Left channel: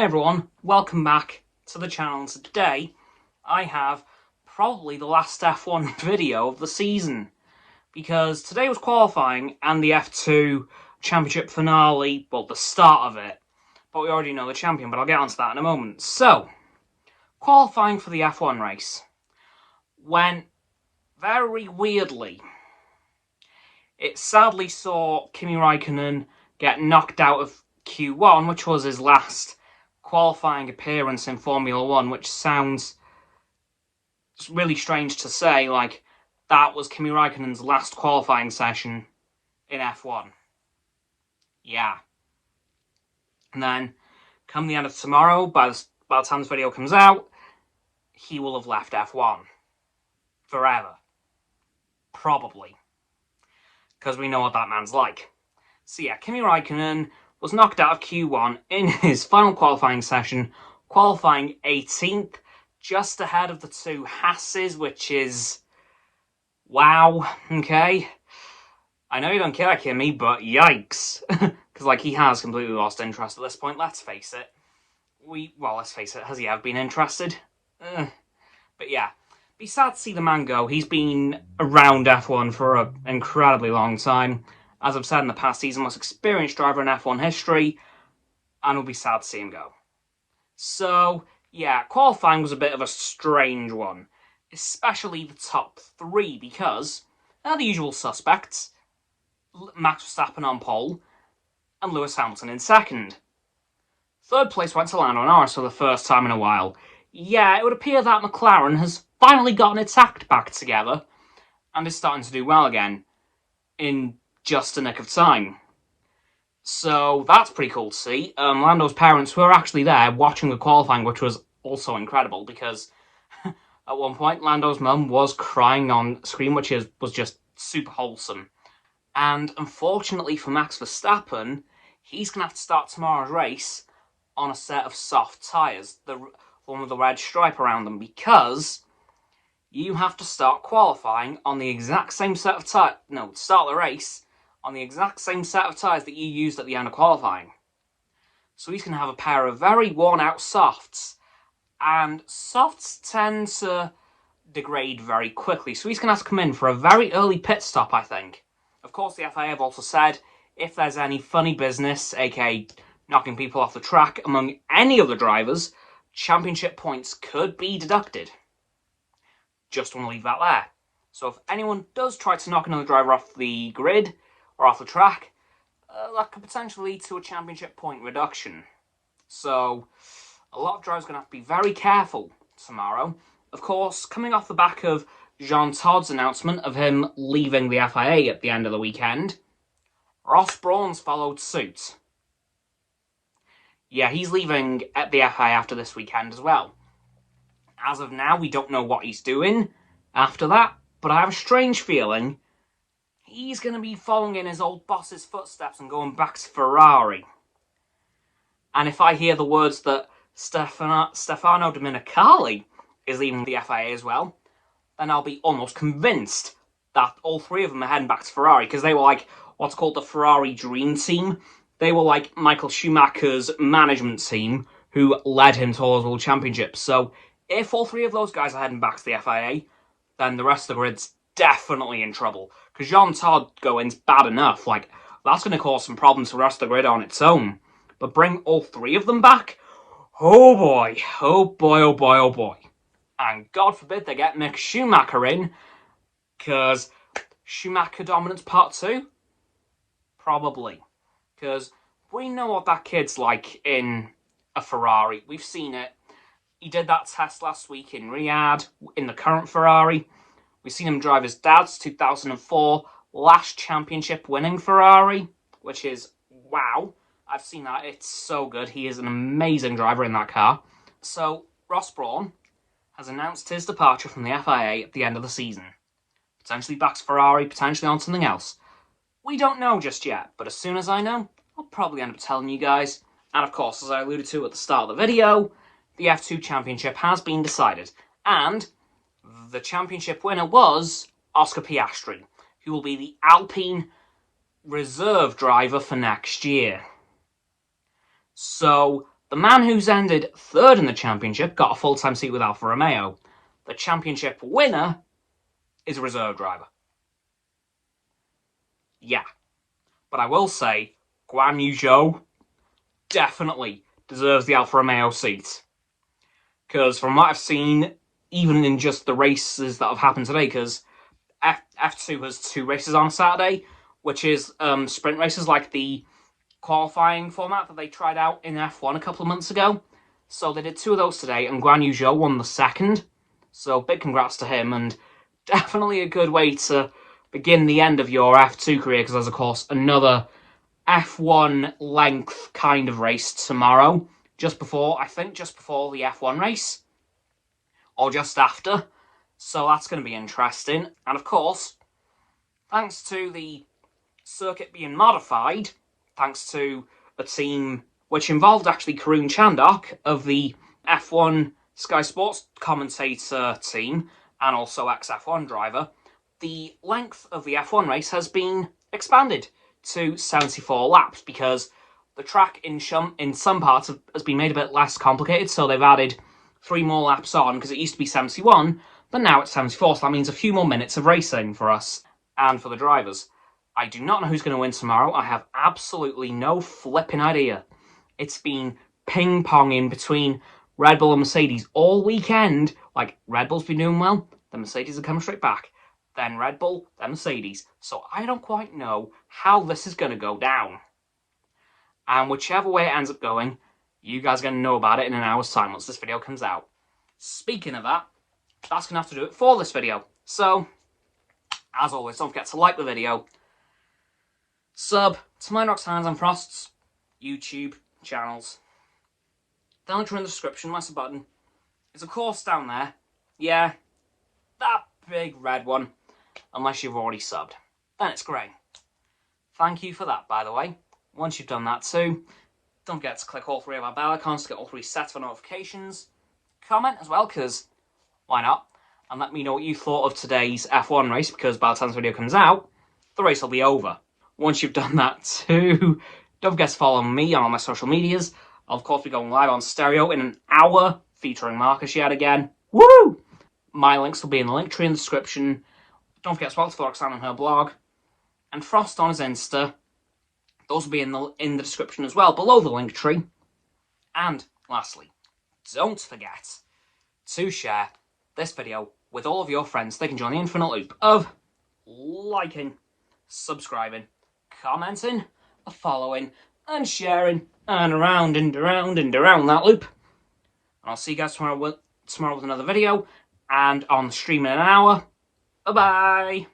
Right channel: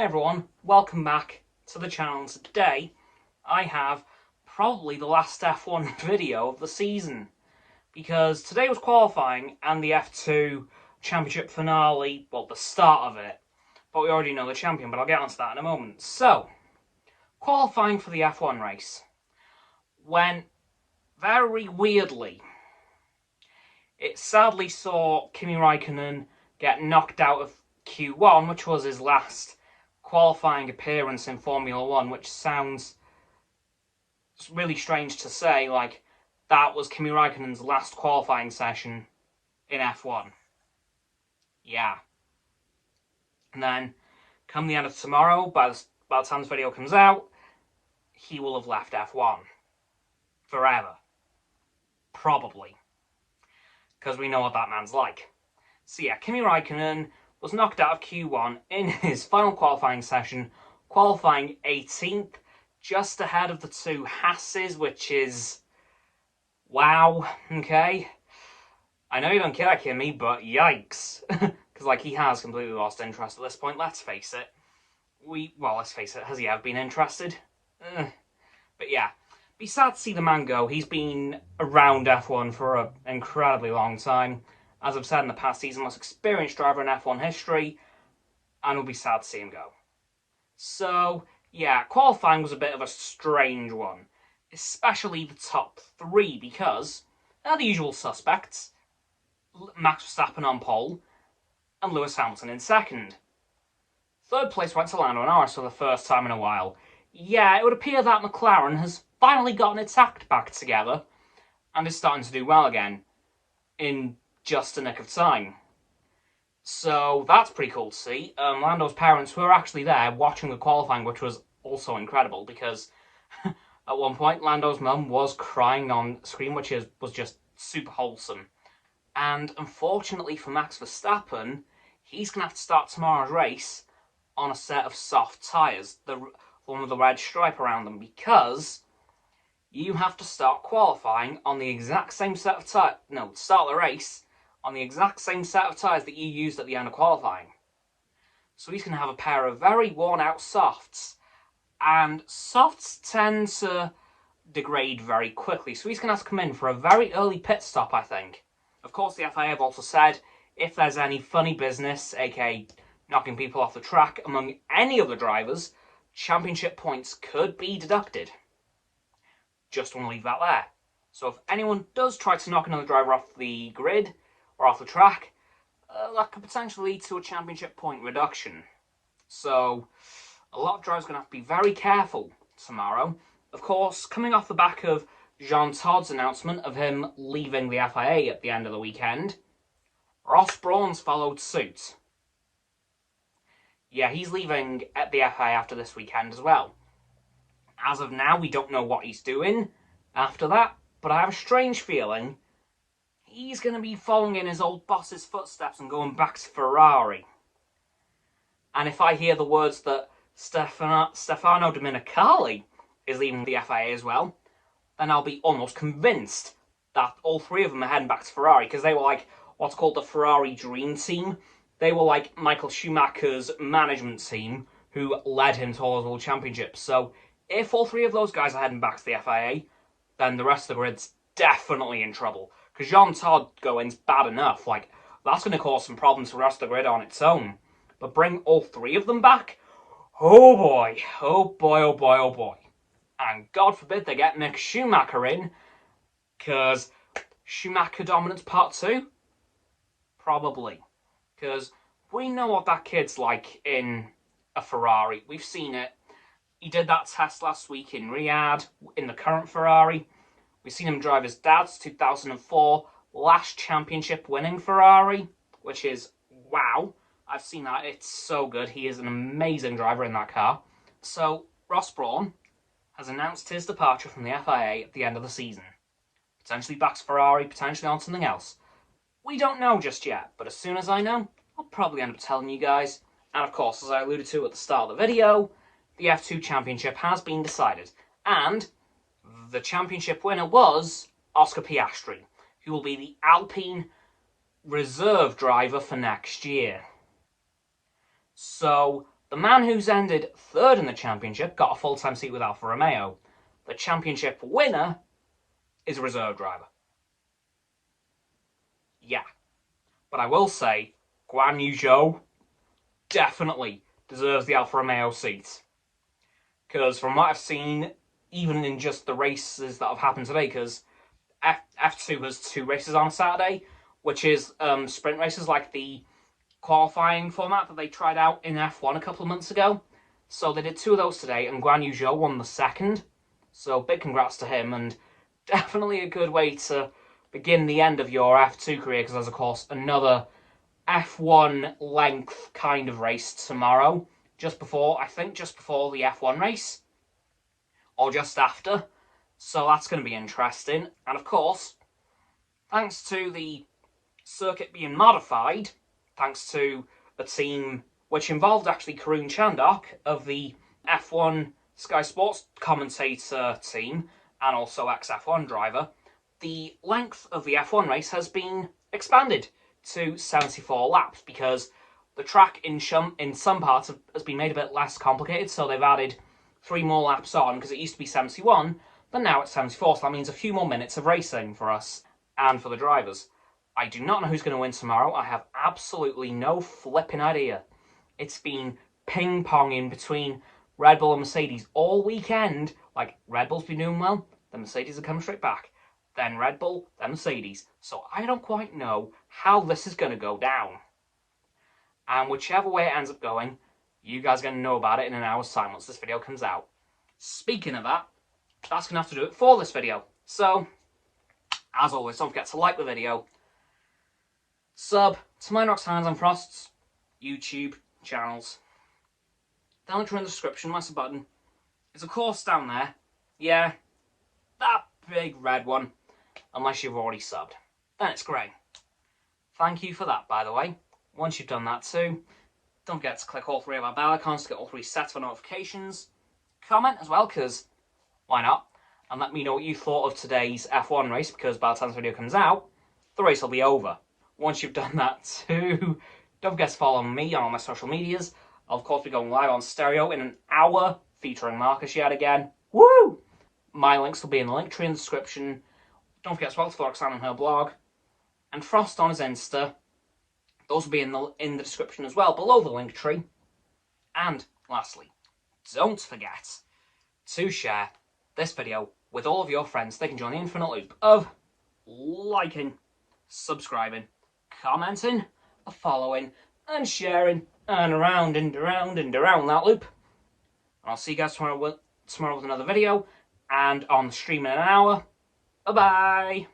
Hey everyone, welcome back to the channel. So today I have probably the last F1 video of the season, because today was qualifying and the F2 championship finale, well, the start of it, but we already know the champion, but I'll get onto that in a moment. So, qualifying for the F1 race went very weirdly. It sadly saw Kimi Raikkonen get knocked out of Q1, which was his last qualifying appearance in Formula 1, which sounds really strange to say, like, that was Kimi Raikkonen's last qualifying session in F1. Yeah. And then, come the end of tomorrow, by the time this video comes out, he will have left F1. Forever. Probably. Because we know what that man's like. So yeah, Kimi Raikkonen was knocked out of Q1 in his final qualifying session, qualifying 18th, just ahead of the two Hasses, which is... wow, okay? I know you don't care, Kimi, but yikes. Because, like, he has completely lost interest at this point, let's face it. Well, let's face it, has he ever been interested? But yeah, be sad to see the man go. He's been around F1 for an incredibly long time. As I've said in the past, he's the most experienced driver in F1 history, and it'll be sad to see him go. So, yeah, qualifying was a bit of a strange one, especially the top three, because they're the usual suspects: Max Verstappen on pole, and Lewis Hamilton in second. Third place went to Lando Norris for the first time in a while. Yeah, it would appear that McLaren has finally gotten its act back together, and is starting to do well again, in just a nick of time. So that's pretty cool to see. Lando's parents were actually there watching the qualifying, which was also incredible, because at one point Lando's mum was crying on screen, which was just super wholesome. And unfortunately for Max Verstappen, he's going to have to start tomorrow's race on a set of soft tyres, the one with the red stripe around them, because you have to start qualifying on the exact same set of tyres, start the race on the exact same set of tyres that you used at the end of qualifying. So he's going to have a pair of very worn-out softs, and softs tend to degrade very quickly, so he's going to have to come in for a very early pit stop, I think. Of course, the FIA have also said if there's any funny business, aka knocking people off the track, among any of the drivers, championship points could be deducted. Just want to leave that there. So if anyone does try to knock another driver off the grid or off the track, that could potentially lead to a championship point reduction. So a lot of drivers are going to have to be very careful tomorrow. Of course, coming off the back of Jean Todd's announcement of him leaving the FIA at the end of the weekend, Ross Brawn's followed suit. Yeah, he's leaving at the FIA after this weekend as well. As of now, we don't know what he's doing after that, but I have a strange feeling he's going to be following in his old boss's footsteps and going back to Ferrari. And if I hear the words that Stefano Domenicali is leaving the FIA as well, then I'll be almost convinced that all three of them are heading back to Ferrari, because they were like what's called the Ferrari Dream Team. They were like Michael Schumacher's management team who led him towards World Championships. So if all three of those guys are heading back to the FIA, then the rest of the grid's definitely in trouble. Because Jean Todt going's bad enough. Like, that's going to cause some problems for the rest of the grid on its own. But bring all three of them back? Oh boy. Oh boy, oh boy, oh boy. And God forbid they get Mick Schumacher in, because Schumacher Dominance Part 2? Probably. Because we know what that kid's like in a Ferrari. We've seen it. He did that test last week in Riyadh, in the current Ferrari. We've seen him drive his dad's 2004 last championship winning Ferrari, which is, wow. I've seen that. It's so good. He is an amazing driver in that car. So, Ross Brawn has announced his departure from the FIA at the end of the season. Potentially back to Ferrari, potentially on something else. We don't know just yet, but as soon as I know, I'll probably end up telling you guys. And of course, as I alluded to at the start of the video, the F2 Championship has been decided, and the championship winner was Oscar Piastri, who will be the Alpine reserve driver for next year. So The man who's ended third in the championship got a full-time seat with Alfa Romeo. The championship winner is a reserve driver. Yeah. But I will say, Guan Yu Zhou definitely deserves the Alfa Romeo seat. Because from what I've seen, even in just the races that have happened today, because F2 has 2 races on Saturday, which is sprint races like the qualifying format that they tried out in F1 a couple of months ago. So they did 2 of those today, and Guan Yu Zhou won the second. So big congrats to him, and definitely a good way to begin the end of your F2 career, because there's, of course, another F1 length kind of race tomorrow, just before the F1 race, or just after. So that's going to be interesting. And of course, thanks to the circuit being modified, thanks to a team which involved actually Karun Chandok of the F1 Sky Sports commentator team, and also ex-F1 driver, the length of the F1 race has been expanded to 74 laps, because the track in some parts has been made a bit less complicated, so they've added 3 more laps on, because it used to be 71, but now it's 74, so that means a few more minutes of racing for us and for the drivers. I do not know who's going to win tomorrow. I have absolutely no flipping idea. It's been ping-ponging between Red Bull and Mercedes all weekend. Like, Red Bull's been doing well, then Mercedes are coming straight back. Then Red Bull, then Mercedes. So I don't quite know how this is going to go down. And whichever way it ends up going, you guys are going to know about it in an hour's time once this video comes out. Speaking of that, that's going to have to do it for this video. So, as always, don't forget to like the video, sub to my Roxo and Frost's YouTube channels. The link in the description, my sub button, is of course down there. Yeah, that big red one, unless you've already subbed. Then it's grey. Thank you for that, by the way. Once you've done that too, don't forget to click all 3 of our bell icons to get all 3 sets of notifications. Comment as well, because why not? And let me know what you thought of today's F1 race, because by the time this video comes out, the race will be over. Once you've done that too, don't forget to follow me on all my social medias. I'll of course be going live on Stereo in an hour, featuring Marcus yet again. Woo! My links will be in the link tree in the description. Don't forget to follow Roxanne on her blog. And Frost on his Insta. Those will be in the description as well, below the link tree. And lastly, don't forget to share this video with all of your friends. They can join the infinite loop of liking, subscribing, commenting, following, and sharing, and around and around and around that loop. And I'll see you guys tomorrow with another video, and on the stream in an hour. Bye-bye!